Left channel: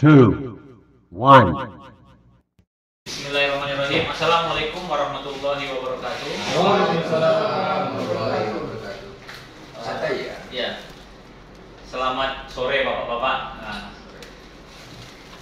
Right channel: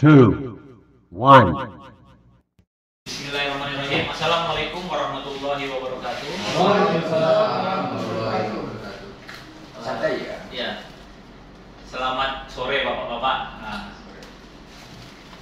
two, one. Bismillahirrahmanirrahim. Assalamualaikum warahmatullahi wabarakatuh. Waalaikumsalam warahmatullahi wabarakatuh. Santai ya? Ya. Selamat sore Bapak-bapak. Nah,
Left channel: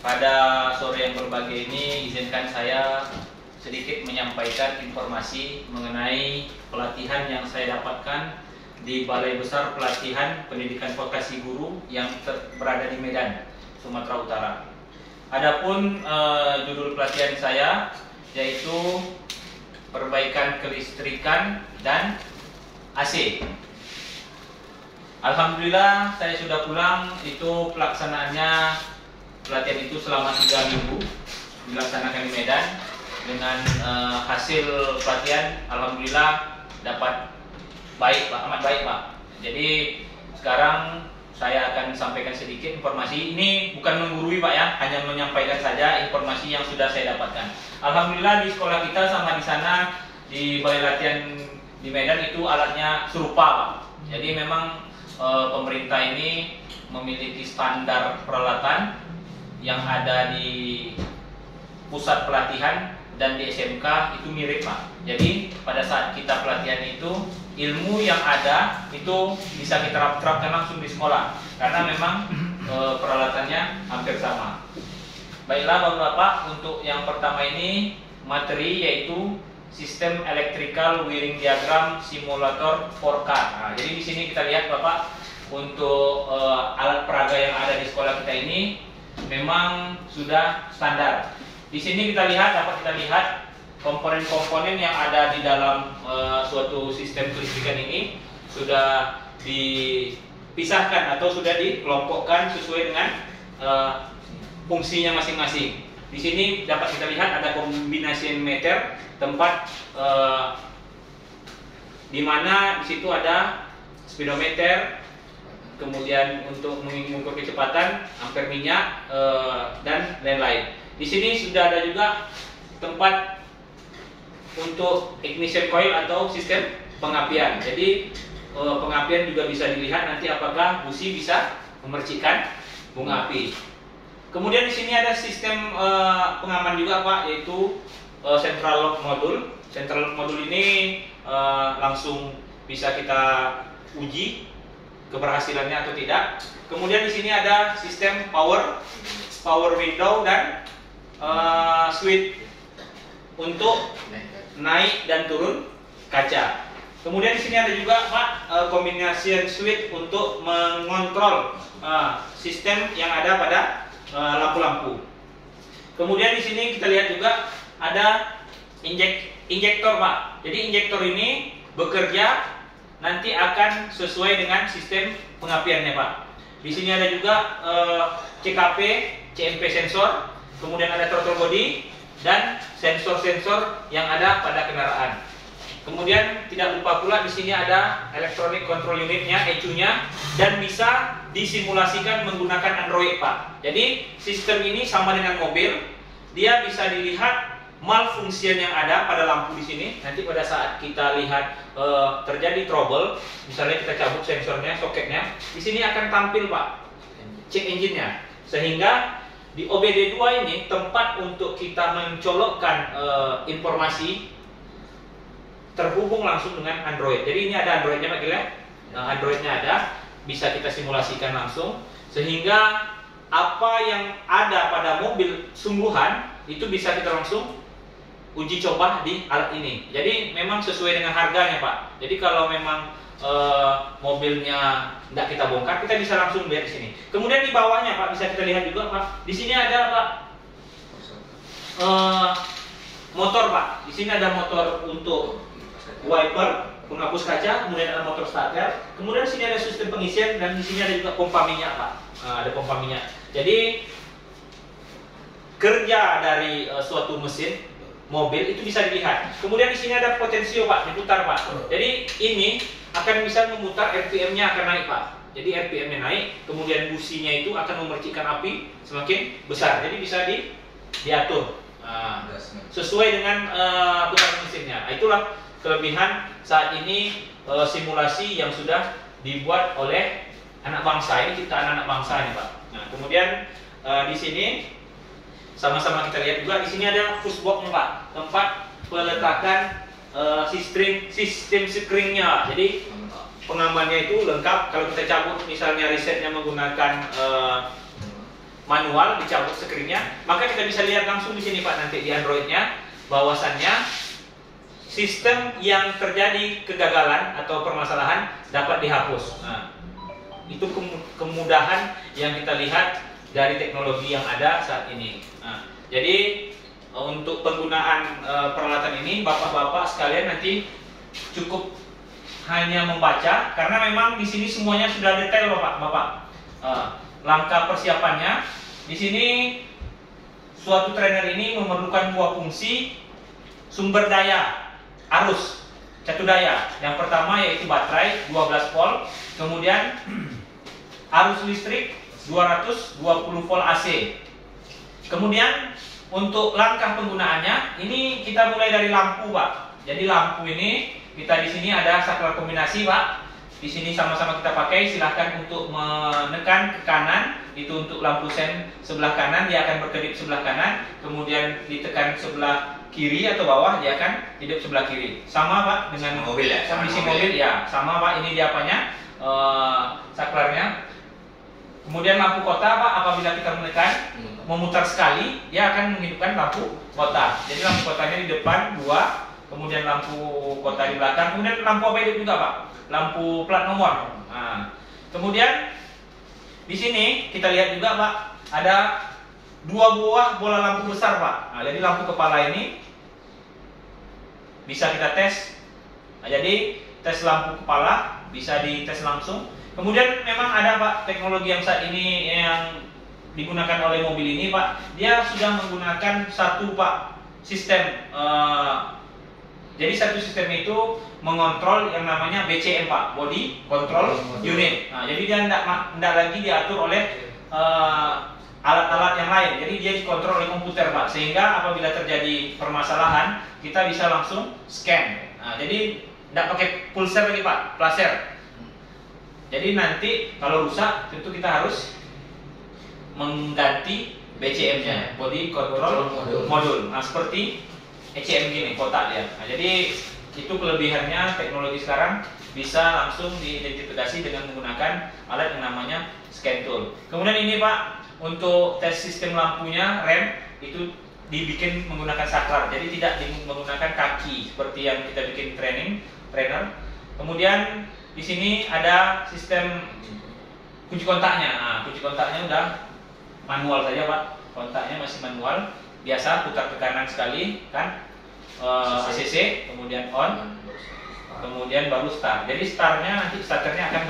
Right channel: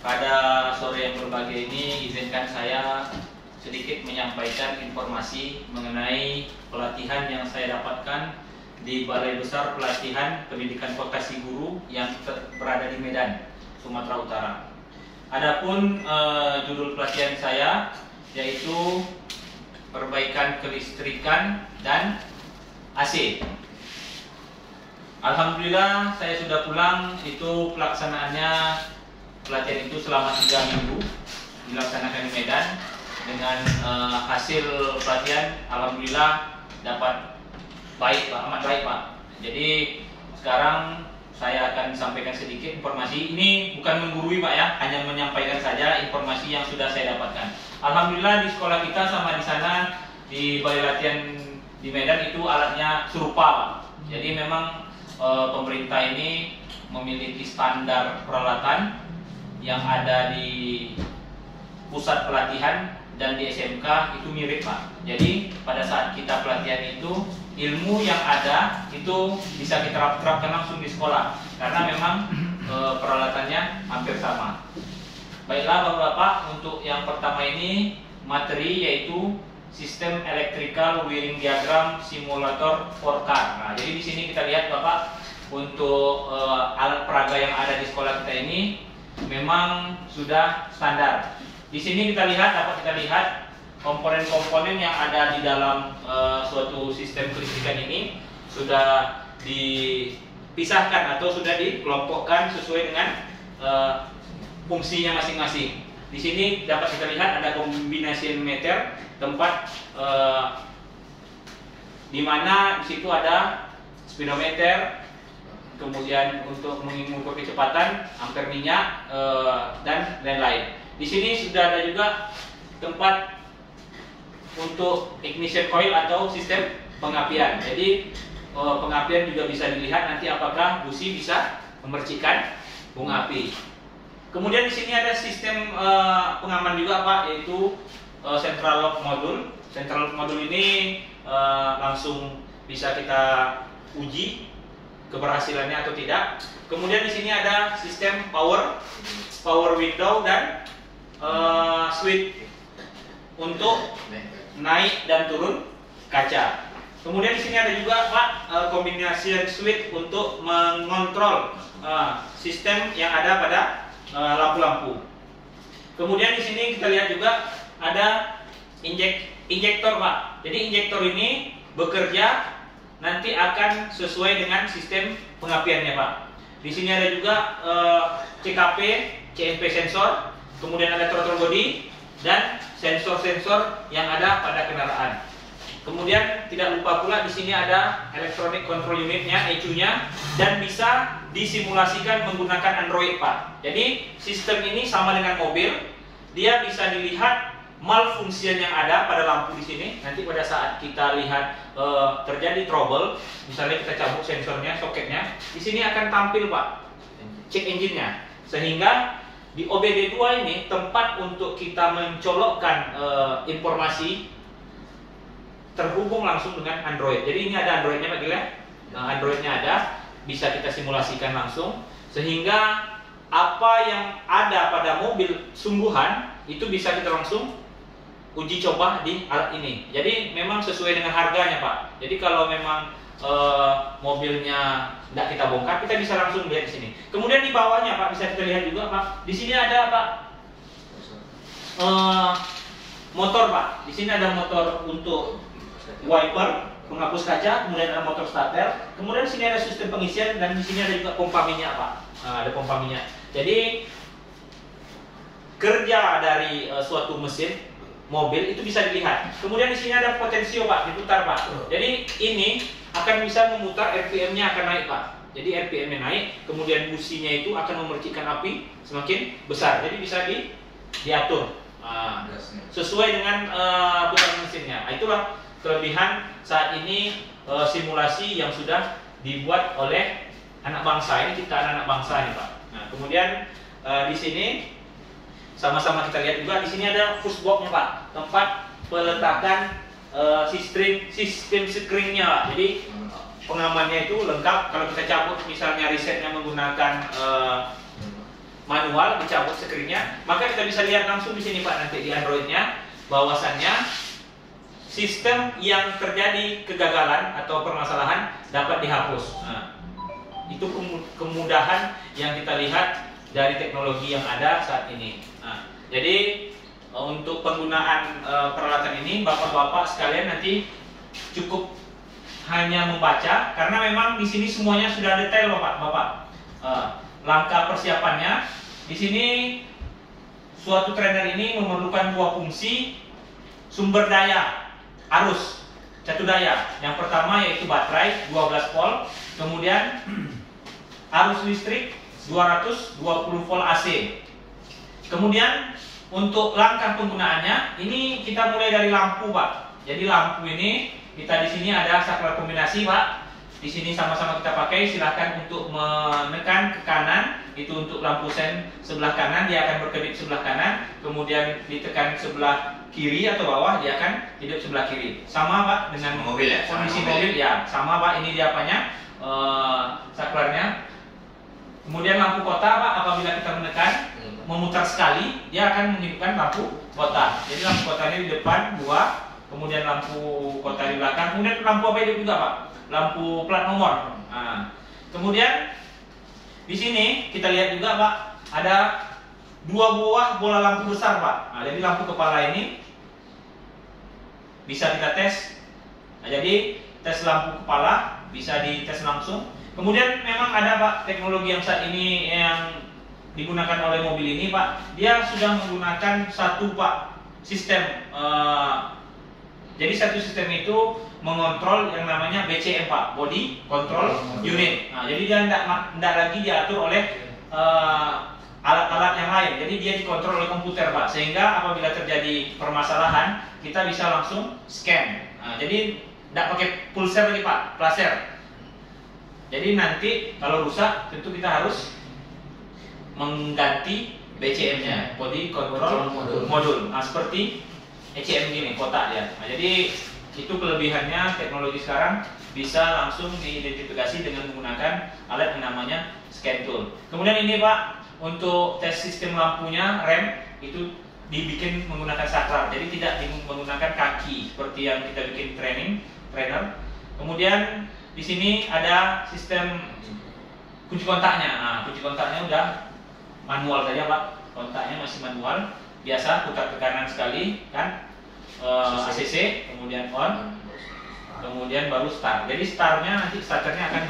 pada sore yang berbahagia ini izinkan saya sedikit menyampaikan informasi mengenai pelatihan yang saya dapatkan di Balai Besar Pelatihan Pendidikan Vokasi Guru yang berada di Medan, Sumatera Utara. Adapun judul pelatihan saya yaitu perbaikan kelistrikan dan AC. Alhamdulillah saya sudah pulang. Itu pelaksanaannya, pelatihan itu selama 3 minggu dilaksanakan di Medan dengan hasil pelatihan alhamdulillah dapat baik Pak, amat baik Pak. Jadi sekarang saya akan sampaikan sedikit informasi. Ini bukan menggurui Pak ya, hanya menyampaikan saja informasi yang sudah saya dapatkan. Alhamdulillah di sekolah kita sama di sana di balai latihan di Medan itu alatnya serupa Pak. Jadi memang pemerintah ini memiliki standar peralatan yang ada di pusat pelatihan dan di SMK itu mirip Pak. Jadi pada saat kita pelatihan itu ilmu yang ada itu bisa kita terapkan langsung di sekolah karena memang peralatannya hampir sama. Baiklah Bapak-bapak, untuk yang pertama ini materi yaitu sistem electrical wiring diagram simulator 4K. Nah, jadi di sini kita lihat Bapak, untuk alat peraga yang ada di sekolah kita ini memang sudah standar. Di sini dapat kita lihat komponen-komponen yang ada di dalam suatu sistem kelistrikan ini sudah dipisahkan atau sudah dikelompokkan sesuai dengan fungsinya masing-masing. Di sini dapat kita lihat ada kombinasi meter, tempat di mana di situ ada speedometer, kemudian untuk mengukur kecepatan, ampere minyak, dan lain-lain. Di sini sudah ada juga tempat untuk ignition coil atau sistem pengapian. Jadi pengapian juga bisa dilihat nanti apakah busi bisa memercikan bunga api. Kemudian di sini ada sistem pengaman juga Pak, yaitu central lock module. Central lock module ini langsung bisa kita uji keberhasilannya atau tidak. Kemudian di sini ada sistem power window dan switch untuk naik dan turun kaca. Kemudian di sini ada juga Pak kombinasi switch untuk mengontrol sistem yang ada pada lampu-lampu. Kemudian di sini kita lihat juga ada injektor Pak. Jadi injektor ini bekerja nanti akan sesuai dengan sistem pengapiannya Pak. Di sini ada juga CKP, CMP sensor, kemudian ada throttle body dan sensor-sensor yang ada pada kendaraan. Kemudian tidak lupa pula di sini ada electronic control unitnya, ECU-nya, dan bisa disimulasikan menggunakan Android Pak. Jadi sistem ini sama dengan mobil, dia bisa dilihat malfungsian yang ada pada lampu di sini. Nanti pada saat kita lihat terjadi trouble, misalnya kita cabut sensornya, soketnya, di sini akan tampil Pak check engine-nya, sehingga di OBD2 ini tempat untuk kita mencolokkan informasi terhubung langsung dengan Android. Jadi ini ada Android-nya Pak Gila. Android-nya ada, bisa kita simulasikan langsung, sehingga apa yang ada pada mobil sungguhan itu bisa kita langsung uji coba di alat ini. Jadi memang sesuai dengan harganya Pak. Jadi kalau memang mobilnya tidak kita bongkar, kita bisa langsung lihat di sini. Kemudian di bawahnya Pak bisa kita lihat juga Pak. Di sini ada Pak motor Pak. Di sini ada motor untuk wiper, penghapus kaca, kemudian ada motor starter. Kemudian di sini ada sistem pengisian dan di sini ada juga pompa minyak Pak. Ada pompa minyak. Jadi kerja dari suatu mesin mobil itu bisa dilihat. Kemudian di sini ada potensio Pak, diputar Pak. Jadi ini akan bisa memutar RPM-nya akan naik Pak. Jadi RPM-nya naik, kemudian businya itu akan memercikan api semakin besar. Jadi bisa diatur sesuai dengan putaran mesinnya. Itulah kelebihan saat ini simulasi yang sudah dibuat oleh anak bangsa. Ini ciptaan anak bangsa ini Pak. Nah, kemudian di sini sama-sama kita lihat juga di sini ada push box-nya Pak, tempat peletakan sistem screen-nya. Jadi pengamannya itu lengkap. Kalau kita cabut misalnya resetnya menggunakan manual, dicabut screen-nya, maka kita bisa lihat langsung di sini Pak nanti di Android-nya bahwasannya sistem yang terjadi kegagalan atau permasalahan dapat dihapus. Nah, itu kemudahan yang kita lihat dari teknologi yang ada saat ini. Nah, jadi untuk penggunaan peralatan ini Bapak-bapak sekalian nanti cukup hanya membaca karena memang di sini semuanya sudah detail Bapak. Langkah persiapannya di sini suatu trainer ini memerlukan dua fungsi sumber daya arus satu daya. Yang pertama yaitu baterai 12 volt, kemudian arus listrik 220 volt AC. Kemudian untuk langkah penggunaannya ini kita mulai dari lampu Pak. Jadi lampu ini kita di sini ada saklar kombinasi Pak. Di sini sama-sama kita pakai, silahkan untuk menekan ke kanan, itu untuk lampu sen sebelah kanan dia akan berkedip sebelah kanan, kemudian ditekan sebelah kiri atau bawah dia akan hidup sebelah kiri. Sama Pak dengan mobil ya, kondisi mobil ya, sama Pak, ini dia apanya saklarnya. Kemudian lampu kota Pak, apabila kita menekan memutar sekali dia akan menghidupkan lampu kota. Jadi lampu kotanya di depan dua, kemudian lampu kota di belakang, kemudian lampu apa hidup juga Pak? Lampu plat nomor. Nah, kemudian di sini kita lihat juga Pak, ada dua buah bola lampu besar Pak. Nah, jadi lampu kepala ini bisa kita tes. Nah, jadi tes lampu kepala bisa dites langsung. Kemudian memang ada Pak teknologi yang saat ini yang digunakan oleh mobil ini Pak. Dia sudah menggunakan satu Pak sistem. Jadi satu sistem itu mengontrol yang namanya BCM Pak, Body Control Unit. Nah, jadi dia tidak lagi diatur oleh alat-alat yang lain. Jadi dia dikontrol oleh komputer Pak, sehingga apabila terjadi permasalahan kita bisa langsung scan. Nah, jadi tidak pakai pulser lagi Pak, laser. Jadi nanti kalau rusak tentu kita harus mengganti BCM-nya, Body Control Module. Nah, seperti ECM gini, kotak ya. Nah, jadi itu kelebihannya teknologi sekarang bisa langsung diidentifikasi dengan menggunakan alat yang namanya scan tool. Kemudian ini Pak, untuk tes sistem lampunya rem itu dibikin menggunakan saklar, jadi tidak menggunakan kaki seperti yang kita bikin trainer. Kemudian di sini ada sistem kunci kontaknya. Nah, kunci kontaknya udah manual saja Pak, kontaknya masih manual, biasa putar ke kanan sekali kan, ACC, kemudian on, kemudian baru start. Jadi startnya nanti starternya akan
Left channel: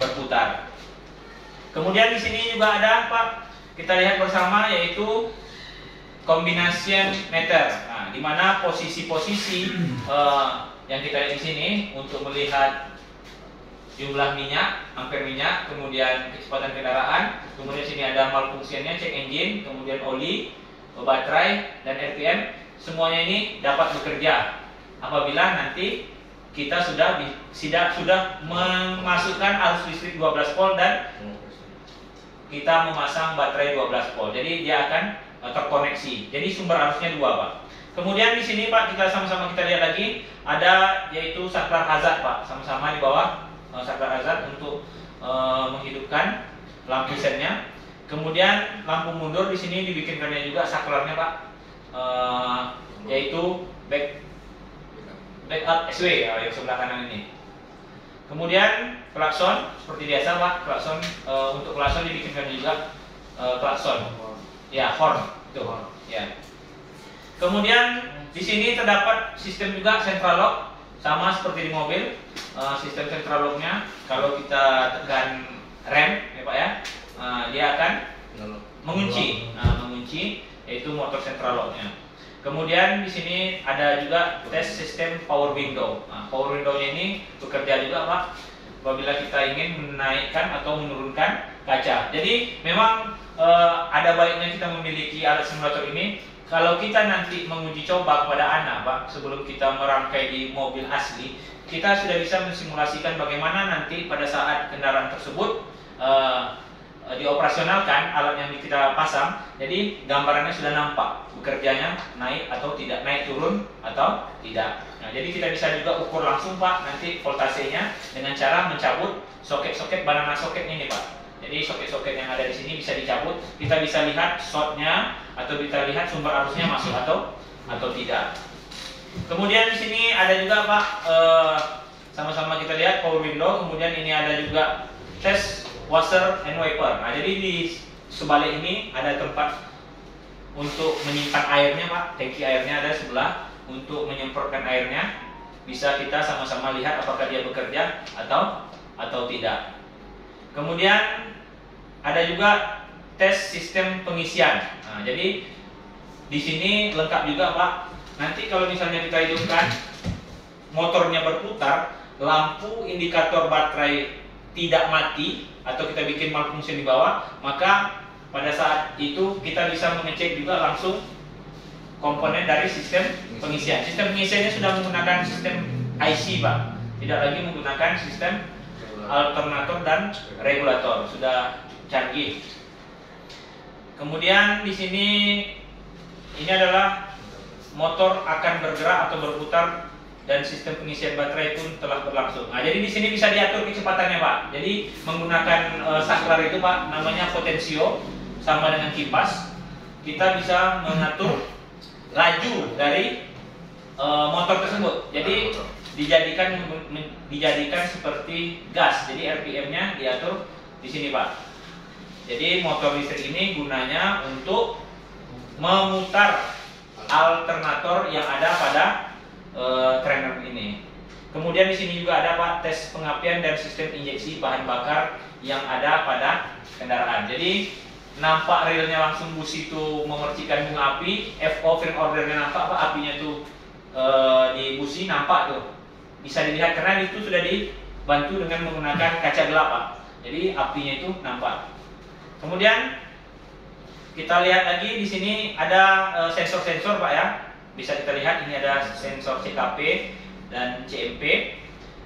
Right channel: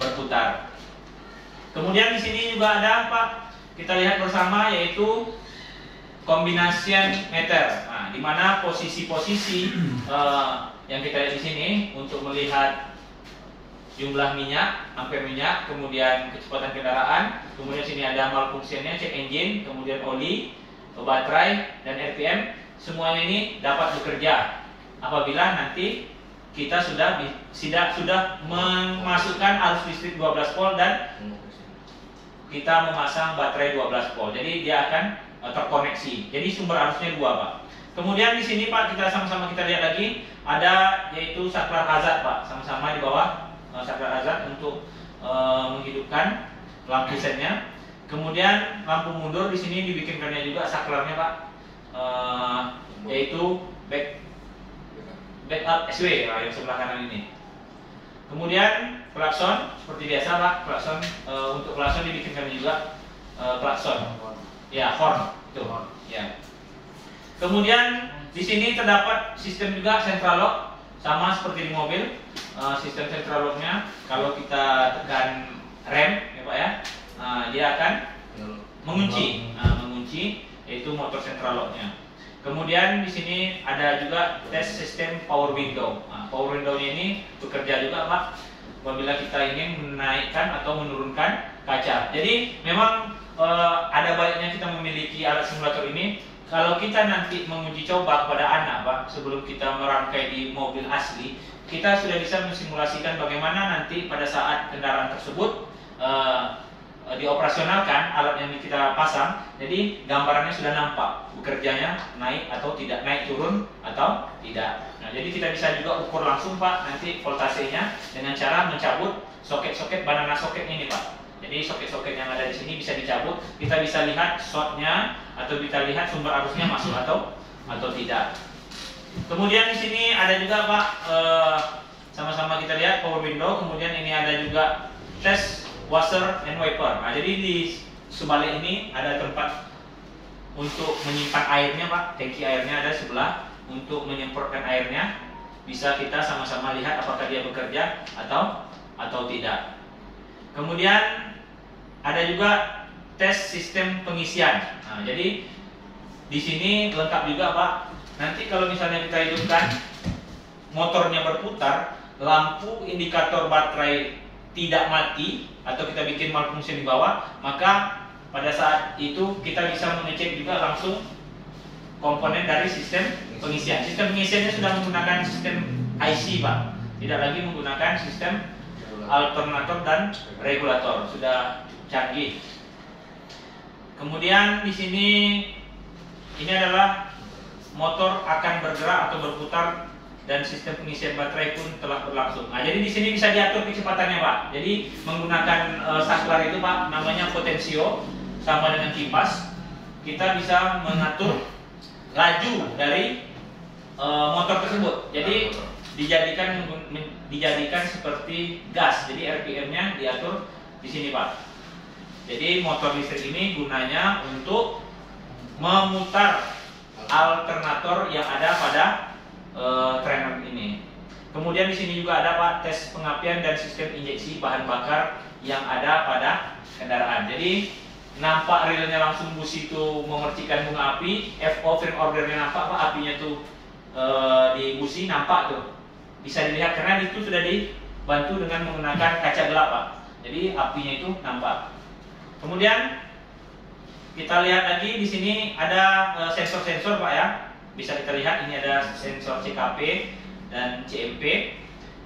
berputar. Kemudian di sini juga ada Pak, kita lihat bersama yaitu combination meter. Nah, di mana posisi-posisi yang kita lihat di sini untuk melihat jumlah minyak, ampere minyak, kemudian kecepatan kendaraan, kemudian sini ada malfunctionnya, check engine, kemudian oli, baterai dan RPM. Semuanya ini dapat bekerja apabila nanti kita sudah memasukkan arus listrik 12 volt dan kita memasang baterai 12 volt. Jadi dia akan terkoneksi. Jadi sumber arusnya dua Pak. Kemudian di sini Pak, kita sama-sama kita lihat lagi ada yaitu saklar hazard Pak. Sama-sama di bawah saklar hazard untuk menghidupkan lampu sennya. Kemudian lampu mundur di sini dibikinkannya juga saklarnya Pak. Yaitu backup SW yang sebelah kanan ini. Kemudian klakson seperti biasa Pak, klakson untuk klakson dibikinkan juga klakson. Ya, horn itu. Ya. Kemudian di sini terdapat sistem juga central lock sama seperti di mobil. Sistem central locknya kalau kita tekan rem ya Pak ya, dia akan mengunci, yaitu motor central locknya. Kemudian di sini ada juga tes sistem power window. Nah, power window-nya ini bekerja juga Pak apabila kita ingin menaikkan atau menurunkan kaca. Jadi memang ada baiknya kita memiliki alat simulator ini. Kalau kita nanti menguji coba kepada anak Pak, sebelum kita merangkai di mobil asli, kita sudah bisa mensimulasikan bagaimana nanti pada saat kendaraan tersebut dioperasionalkan alat yang kita pasang, jadi gambarannya sudah nampak bekerjanya naik atau tidak, naik turun atau tidak. Nah, jadi kita bisa juga ukur langsung Pak nanti voltasenya dengan cara mencabut soket-soket banana soketnya ini Pak. Jadi soket-soket yang ada di sini bisa dicabut, kita bisa lihat shortnya atau kita lihat sumber arusnya masuk atau tidak. Kemudian di sini ada juga Pak, sama-sama kita lihat power window. Kemudian ini ada juga tes washer and wiper. Nah, jadi di sebalik ini ada tempat untuk menyimpan airnya Pak, tangki airnya ada sebelah untuk menyemprotkan airnya. Bisa kita sama-sama lihat apakah dia bekerja atau tidak. Kemudian ada juga tes sistem pengisian. Nah, jadi di sini lengkap juga Pak. Nanti kalau misalnya kita hidupkan motornya berputar, lampu indikator baterai tidak mati atau kita bikin malfunction di bawah, maka pada saat itu kita bisa mengecek juga langsung komponen dari sistem pengisian. Sistem pengisiannya sudah menggunakan sistem IC Pak, tidak lagi menggunakan sistem alternator dan regulator, sudah canggih. Kemudian di sini ini adalah motor akan bergerak atau berputar dan sistem pengisian baterai pun telah berlangsung. Nah, jadi di sini bisa diatur kecepatannya Pak. Jadi menggunakan saklar itu Pak, namanya potensio, sama dengan kipas. Kita bisa mengatur laju dari motor tersebut. Jadi dijadikan seperti gas. Jadi RPM-nya diatur di sini Pak. Jadi motor listrik ini gunanya untuk memutar alternator yang ada pada trainer ini. Kemudian di sini juga ada Pak tes pengapian dan sistem injeksi bahan bakar yang ada pada kendaraan. Jadi nampak relnya langsung busi itu mengercikan bunga api, FO firm ordernya nampak Pak, apinya tuh di busi nampak tuh. Bisa dilihat karena itu sudah dibantu dengan menggunakan kaca gelap Pak. Jadi apinya itu nampak. Kemudian kita lihat lagi di sini ada sensor-sensor Pak ya. Bisa kita lihat ini ada sensor CKP dan CMP.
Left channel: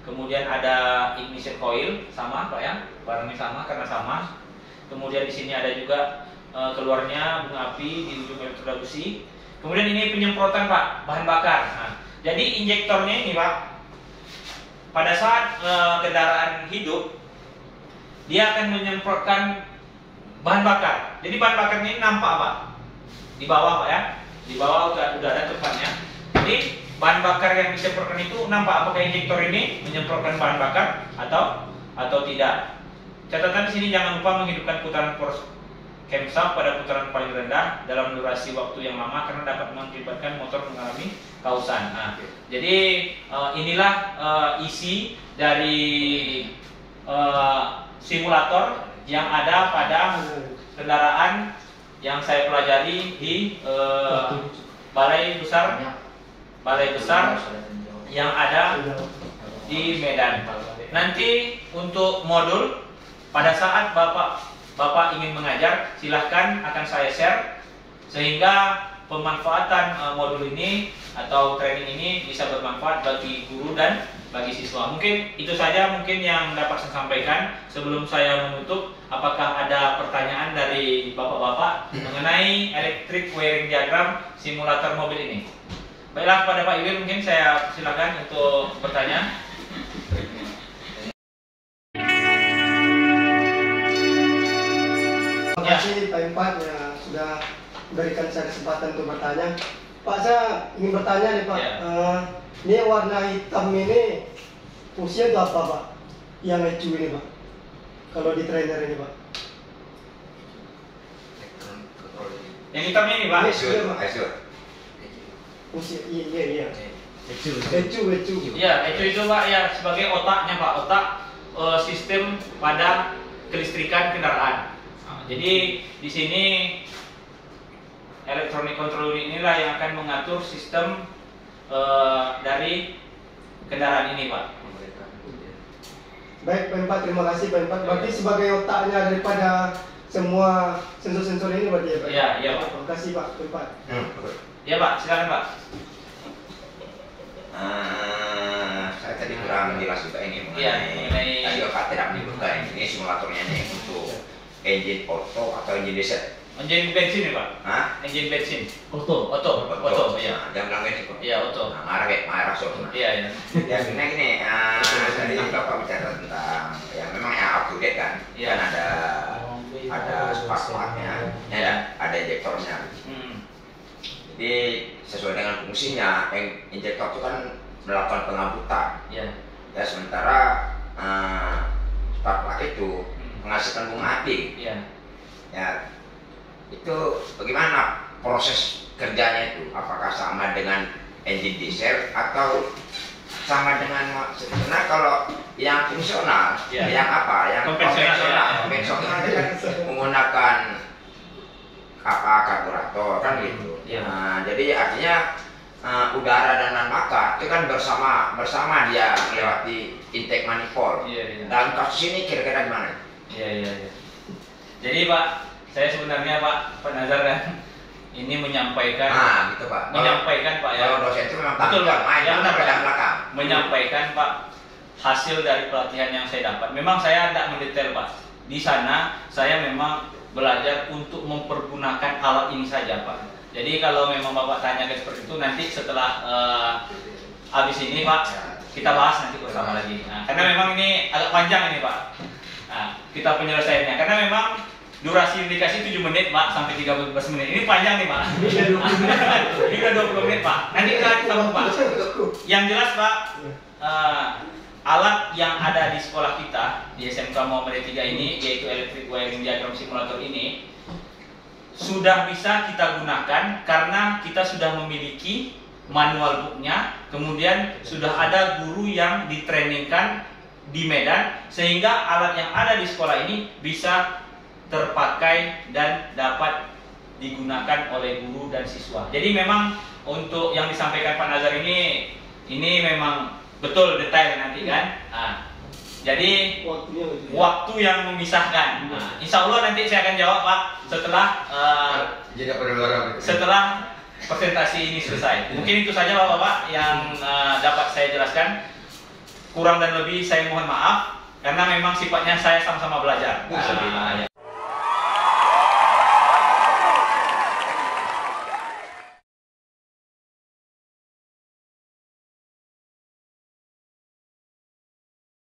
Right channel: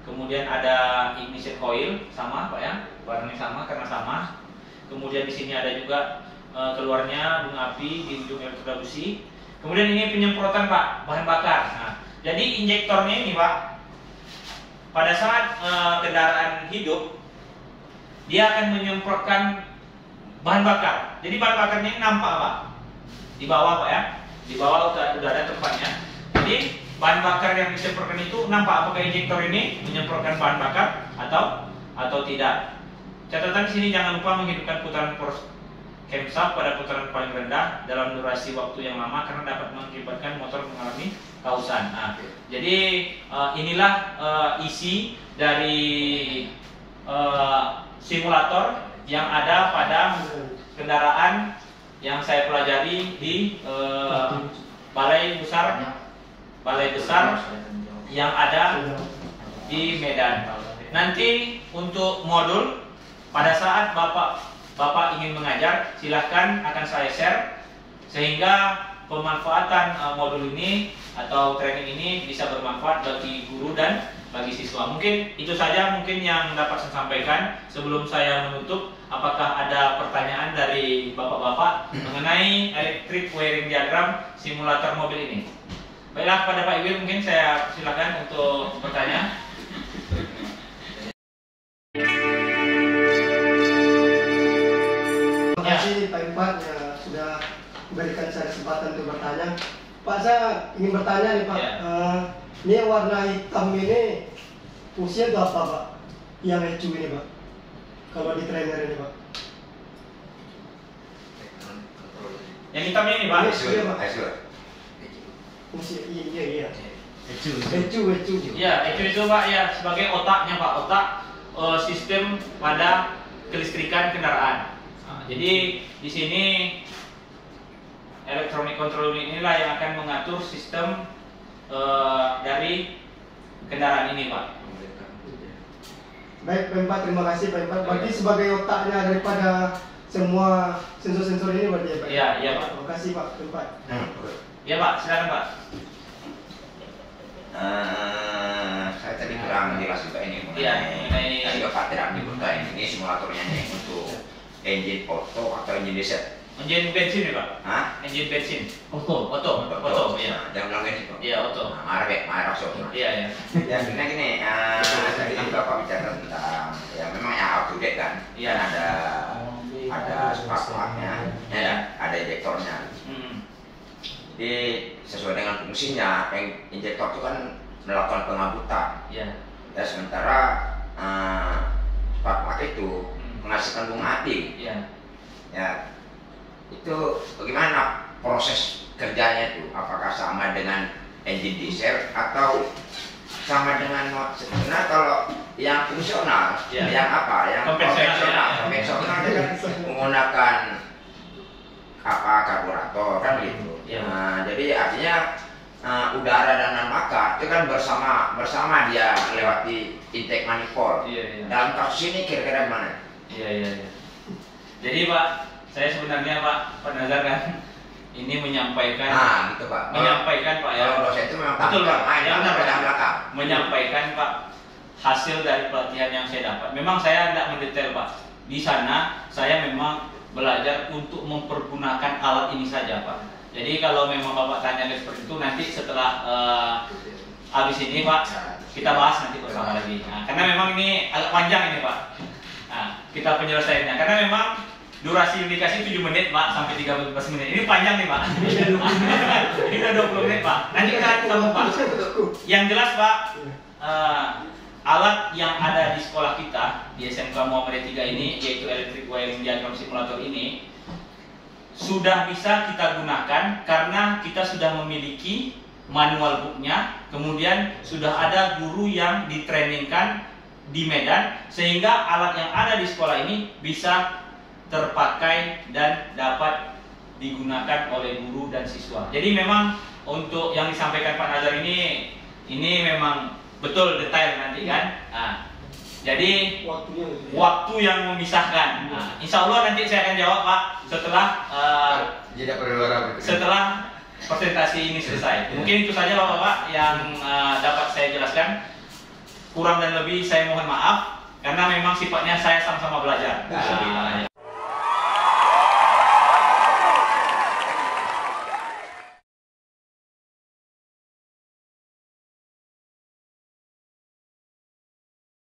Kemudian ada ignition coil sama Pak ya, warnanya sama karena sama. Kemudian di sini ada juga keluarnya bunga api di ujung elektroda busi. Kemudian ini penyemprotan Pak, bahan bakar. Nah, jadi injektornya ini Pak, pada saat kendaraan hidup dia akan menyemprotkan bahan bakar. Jadi bahan bakarnya ini nampak Pak di bawah Pak ya. Di bawah udah ada tempatnya. Jadi bahan bakar yang disemprotkan itu nampak apakah injektor ini menyemprotkan bahan bakar atau tidak. Catatan di sini jangan lupa menghidupkan putaran force camshaft pada putaran paling rendah dalam durasi waktu yang lama karena dapat mengakibatkan motor mengalami kausan. Nah, jadi inilah isi dari simulator yang ada pada kendaraan yang saya pelajari di balai besar yang ada di Medan. Nanti untuk modul pada saat Bapak ingin mengajar, silahkan akan saya share sehingga pemanfaatan modul ini atau training ini bisa bermanfaat bagi guru dan bagi siswa. Mungkin itu saja mungkin yang dapat saya sampaikan. Sebelum saya menutup, apakah ada pertanyaan dari bapak-bapak mengenai electric wiring diagram simulator mobil ini? Baiklah, pada Pak Iwin mungkin saya silakan untuk bertanya. Terima kasih Pak Impat yang sudah memberikan saya kesempatan untuk bertanya. Pak, saya ingin bertanya nih Pak. Ya. Ini warna hitam ini fungsinya itu apa Pak? Yang ECU ini Pak? Kalau di trainer ini Pak? Yang hitamnya ini Pak? Fungsi iya. ECU. Ya, itu Pak ya sebagai otaknya Pak, otak sistem pada kelistrikan kendaraan. Nah, jadi di sini electronic control inilah yang akan mengatur sistem dari kendaraan ini Pak. Baik Pak Impat, terima kasih Pak Impat. Berarti sebagai otaknya daripada semua sensor-sensor ini berarti ya Pak? Iya Pak. Terima kasih Pak Impat. Iya Pak, silakan Pak. Saya tadi kurang menjelas juga ini mengenai tadi tidak dibuka ini simulatornya nih untuk engine auto atau engine diesel? Engine bensin ya Pak? Hah? Engine bensin. Auto. Auto, iya. Jangan bilang ini kok. Iya, auto. Marah so. Iya, iya. Ya sebenarnya gini, tadi Bapak bicara tentang yang memang yang up to date kan, Iya. kan ada spark plug-nya, ya, ada injektornya. Jadi sesuai dengan fungsinya, injektor itu kan melakukan pengambutan. Iya. Ya sementara spark plug itu menghasilkan bunga api. Iya. Ya itu bagaimana proses kerjanya itu? Apakah sama dengan engine diesel atau sama dengan sebenarnya kalau yang fungsional, Ya. yang apa? Yang Konvensional, konvensional itu kan menggunakan apa karburator kan gitu. Ya. Jadi artinya udara dan bahan bakar itu kan bersama dia melewati intake manifold. Iya, iya. Dalam kasus ini kira-kira gimana? Iya, iya. Jadi Pak, saya sebenarnya Pak Nazar kan ini menyampaikan Gitu Pak. menyampaikan Pak ya. Kalau dosen itu memang Betul, Pak. main Ya, benar, Pak. pedang belakang. Menyampaikan Pak hasil dari pelatihan yang saya dapat. Memang saya tidak mendetail Pak. Di sana saya memang belajar untuk mempergunakan alat ini saja Pak. Jadi kalau memang Bapak tanya seperti itu nanti setelah habis ini Pak kita bahas nanti bersama lagi. Nah, karena memang ini agak panjang ini Pak. Nah, kita penyelesaiannya karena memang durasi yang dikasih 7 menit Pak sampai 13 menit. Ini panjang nih Pak. Ini udah 20 menit Pak. Nanti kita sambung Pak. Yang jelas Pak, alat yang ada di sekolah kita di SMK Muhammadiyah 3 ini yaitu Electric Wiring Diagram Simulator ini sudah bisa kita gunakan karena kita sudah memiliki manual booknya, kemudian sudah ada guru yang ditrainingkan di Medan sehingga alat yang ada di sekolah ini bisa terpakai dan dapat digunakan oleh guru dan siswa. Jadi memang untuk yang disampaikan Pak Nazar ini memang betul detail nanti kan. Nah, jadi waktu yang memisahkan. Nah, insya Allah nanti saya akan jawab Pak setelah presentasi ini selesai. Mungkin itu saja Bapak-Bapak yang dapat saya jelaskan. Kurang dan lebih saya mohon maaf karena memang sifatnya saya sama-sama belajar. Nah,